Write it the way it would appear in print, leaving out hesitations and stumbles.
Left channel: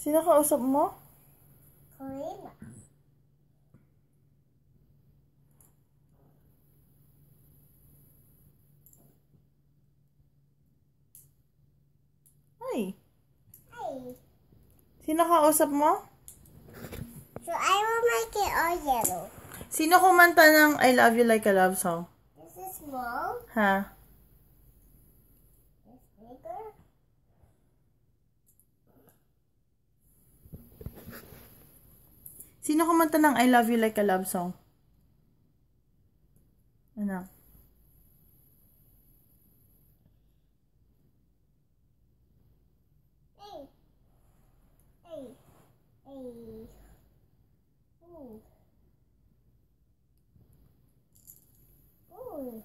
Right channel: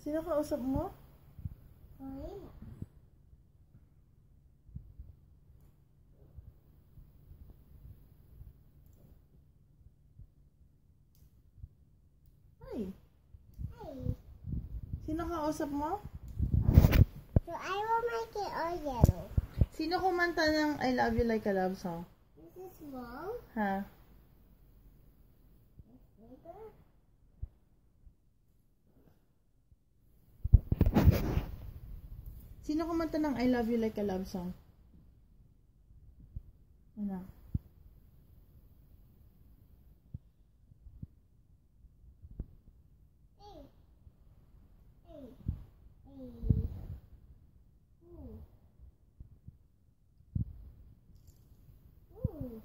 Sino kausap mo? Corina. Ay. Hi. Sino kausap mo? So I will make it all yellow. Sino kumanta ng I Love You Like a Love Song? This is small. Ha? This bigger. Sino kumanta ng I Love You Like a Love Song? Anak. Hey. Hey. Hey. Ooh. Ooh.